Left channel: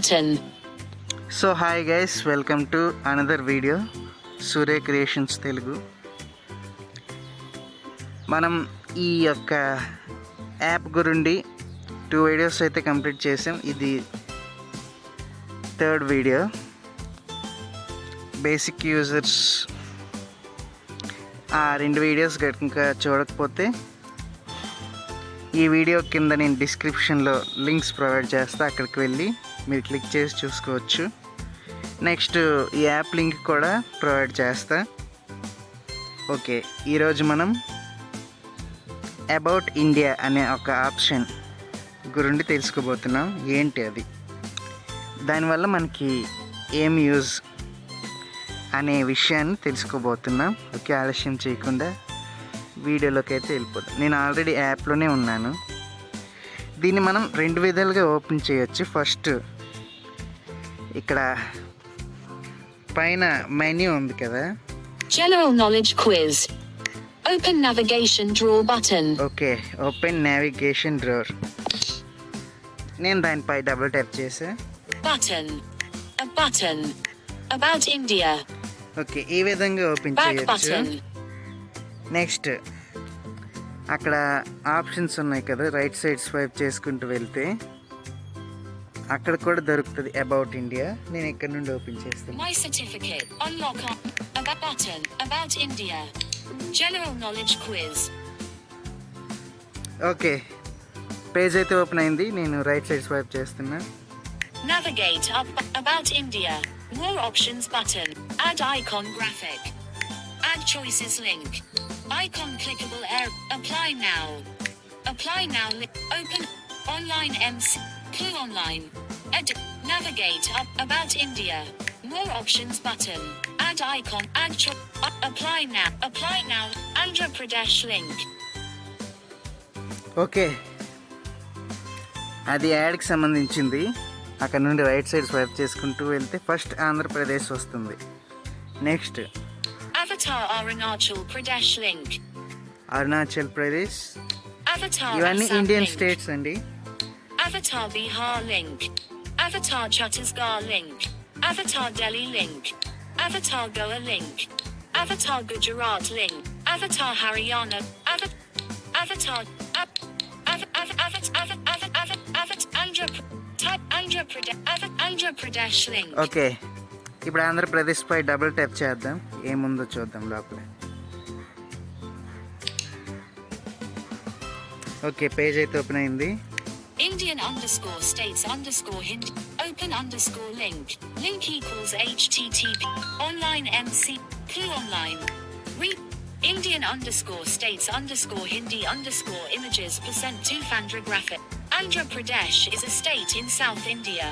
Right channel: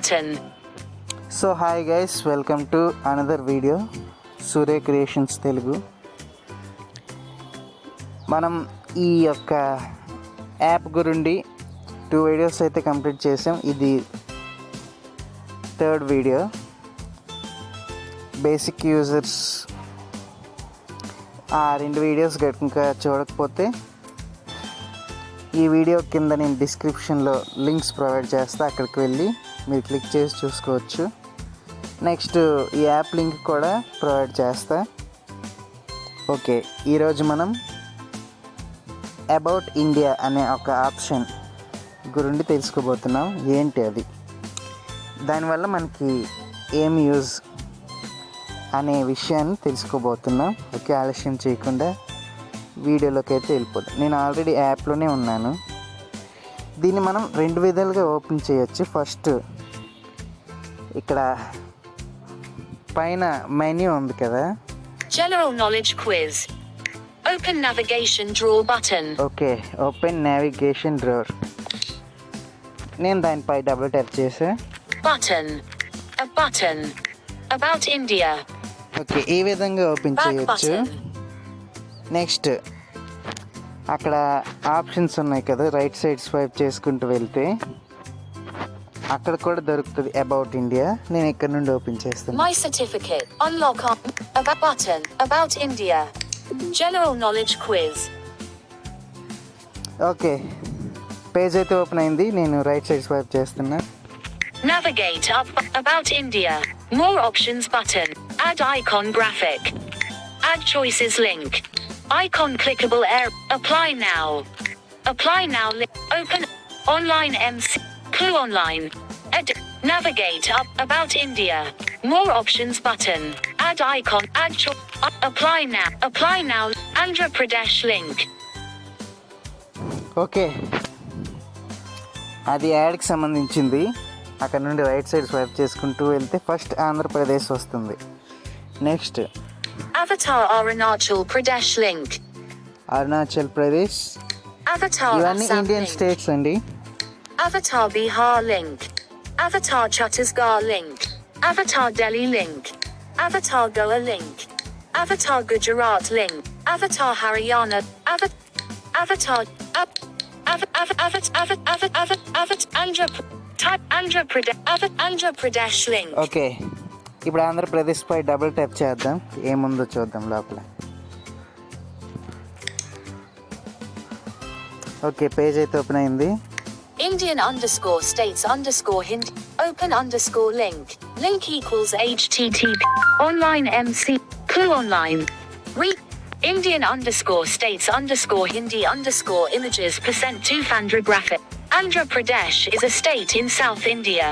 button. So hi guys, welcome to another video సూర్య క్రియేషన్స్ తెలుగు. మనం ఈ యొక్క యాప్ గురించి 2 వీడియోస్ అయితే కంప్లీట్ చేసాం. ఇది 3rd వీడియో. బేసిక్ యూజర్స్ ఆ 2 వీడియోస్ ఇంకా చూడకపోతే ఈ వీడియో కింద నేను డిస్క్రిప్షన్లో లింక్స్ ప్రొవైడ్ చేస్తా, అక్కడికి వెళ్ళి మీరు క్లిక్ చేసి చూసుకోవచ్చు. నెక్స్ట్ ఈ యాప్ లింక్ కూడా ప్రొవైడ్ చేస్తా. ఓకే, ఈరోజు మనం అబౌట్ ఇండియా అనే ఒక ఆప్షన్ గురించి తెలుసుకోబోతున్నాం. ఏంటి అది, దానివల్ల మనకి ఏం యూజ్ అనే విషయాన్ని తెలుసుకోబోతున్నాం. ఓకే, ఆలస్యం చేయకుండా వీడియోలోకి అయితే వెళ్ళిపోతాం. నేను ఆల్రెడీ యాప్లోనే ఉన్నాను. దీన్ని మనం 2 విధాలుగా ఓపెన్ చేయొచ్చు. ఫస్ట్ ఇక్కడ పైన మెన్యూ ఉంది కదా, General knowledge quiz. Open navigation drawer button. Okay, open navigation drawer. నేను దానిపై డబుల్ ట్యాప్ చేసా. Button. A button. About India. Okay, ఈ విధంగా ఓపెన్ Back చేయొచ్చు. button. నెక్స్ట్ అక్కడ ఆప్షన్స్ ఉన్నాయి కదా, రైట్ సైడ్ స్వైప్ చేసుకుంటూ వెళ్తే అక్కడ కూడా దొరుకుతుంది అబౌట్ ఇండియా. నేను ఇక్కడ నుండి ఓపెన్ చేస్తాను. My certificate. Unlock on. About button. About India. General knowledge quiz. Okay, page అయితే ఓపెన్ అయింది. నేను రైట్ సైడ్ స్వైప్ చేస్తున్నా. Navigate up. About India. More options button. Add icon graphic. Add choices link. Icon clickable air. Apply now. Apply now. Open. Online MC. Clue online. Edit. Navigate up. About India. More options button. Add icon. Add apply now. Apply now. Andhra Pradesh link. Okay, అది యాడ్కి సంబంధించింది. అక్కడ నుండి right side swipe చేసుకుంటూ వెళ్తే ఫస్ట్ ఆంధ్రప్రదేశ్ వస్తుంది. Next Avatar Arunachal Pradesh link. Arunachal Pradesh. Avatar ఇవన్నీ Assam Indian link. States అండి. Avatar Bihar link. Avatar Chhattisgarh link. Avatar Delhi link. Avatar Goa link. Avatar Gujarat link. Avatar Haryana. Avatar Andhra Pradesh link. Okay, ఇప్పుడు ఆంధ్రప్రదేశ్ పై double tap చేద్దాం. ఏముందో చూద్దాం లోపల. Okay, page అయితే ఓపెన్ అయింది. Indian _ states _ Hindi. Open _ link. Link equals HTTP. Online MC. Clue online. Read. Indian _ states _ Hindi _ images %200 graphic. Andhra Pradesh is a state in South India.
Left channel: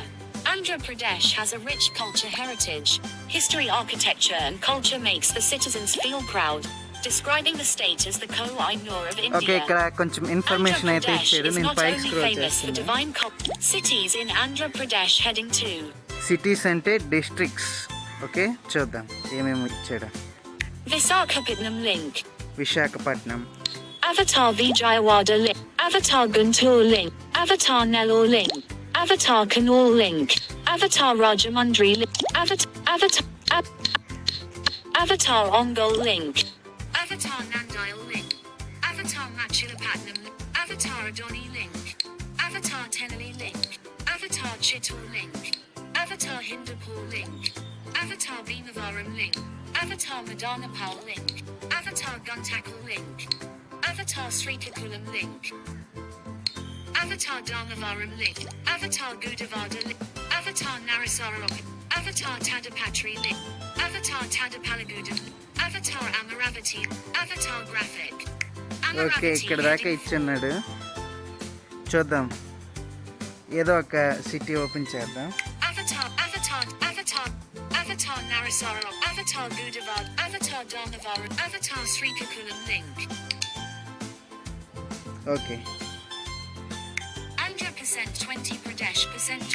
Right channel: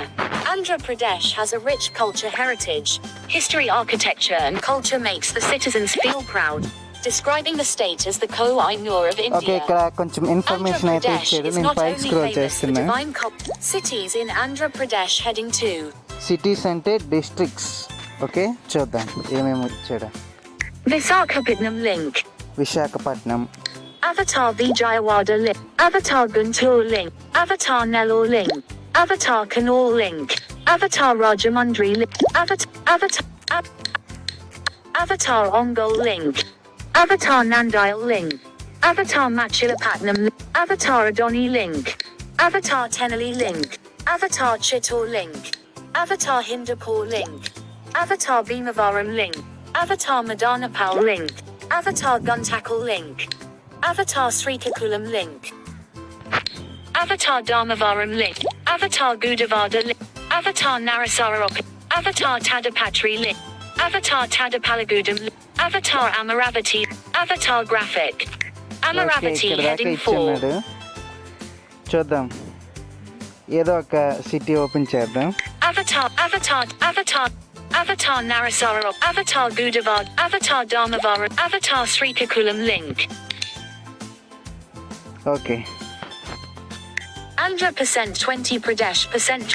Andhra Pradesh has a rich culture heritage. History, architecture and culture makes the citizens feel proud. Describing the state as the Koh-i-Noor of India. Okay, ఇక్కడ కొంచెం ఇన్ఫర్మేషన్ అయితే ఇచ్చాడు. నేను పైకి స్క్రోల్ చేస్తున్నా. Cities in Andhra Pradesh heading 2. సిటీస్ అంటే districts. Okay, చూద్దాం ఏమేమి ఇచ్చాడు. Visakhapatnam link. Visakhapatnam. Avatar Vijayawada link. Avatar Guntur link. Avatar Nellore link. Avatar Kannur link. Avatar Rajamundry link. Avatar Ongole link. Avatar Nandile link. Avatar Machilapatnam link. Avatar Adoni link. Avatar Tenali link. Avatar Chittor link. Avatar Hindupur link. Avatar Bhimavaram link. Avatar Madanapal link. Avatar Guntakal link. Avatar Srikakulam link. Avatar Dharmavaram link. Avatar Gudavada link. Avatar Narasararok. Avatar Tadapatri link. Avatar Tadapalagudam link. Avatar Amaravati. Avatar graphic. Okay, Amaravati ఇక్కడ దాకా heading 4. ఇచ్చున్నాడు. చూద్దాం, ఏదో ఒక city open చేద్దాం. Avatar Narasararok. Avatar Gudavad. Avatar Dharmavaram. Avatar Srikakulam link. Okay, Andhra %20 Pradesh %.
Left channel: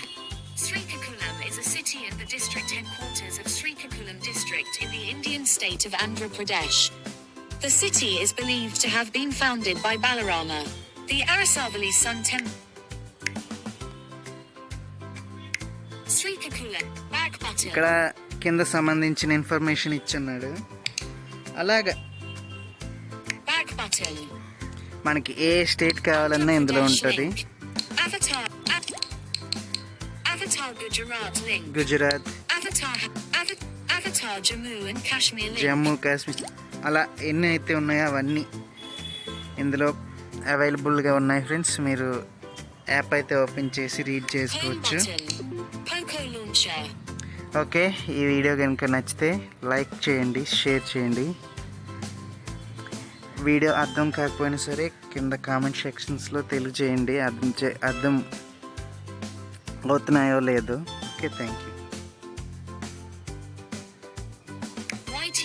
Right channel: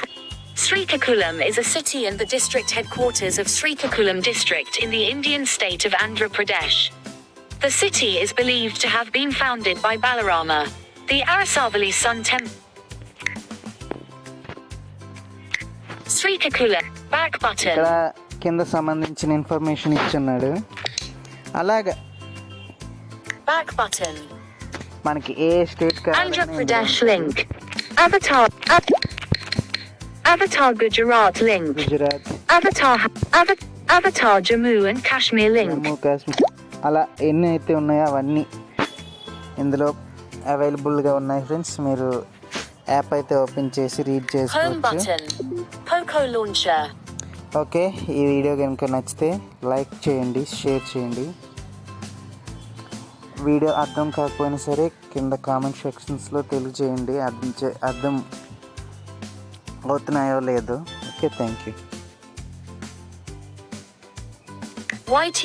Srikakulam is a city and the district headquarters of Srikakulam district in the Indian state of Andhra Pradesh. The city is believed to have been founded by Balarama, the Arasavali sun temple. Srikakula. Back ఇక్కడ button. కింద సంబంధించిన ఇన్ఫర్మేషన్ ఇచ్చున్నాడు. అలాగా Back button. మనకి ఏ state Andhra కావాలన్నా ఇందులో Pradesh ఉంటుంది. link. Avatar. Avatar Gujarat link. Gujarat, Avatar Jammu and Kashmir link. Jammu కాశ్మీర్, అలా ఎన్ని అయితే ఉన్నాయో అవన్నీ ఇందులో అవైలబుల్గా ఉన్నాయి ఫ్రెండ్స్. మీరు యాప్ అయితే ఓపెన్ చేసి రీడ్ Home చేసుకోవచ్చు. button. Poco launcher. ఓకే, ఈ వీడియో కనుక నచ్చితే లైక్ చేయండి, షేర్ చేయండి. వీడియో అర్థం కాకపోయినా సరే కింద కామెంట్ సెక్షన్స్లో తెలియజేయండి అర్థం అవుతున్నాయో లేదో. Okay, thank you. YT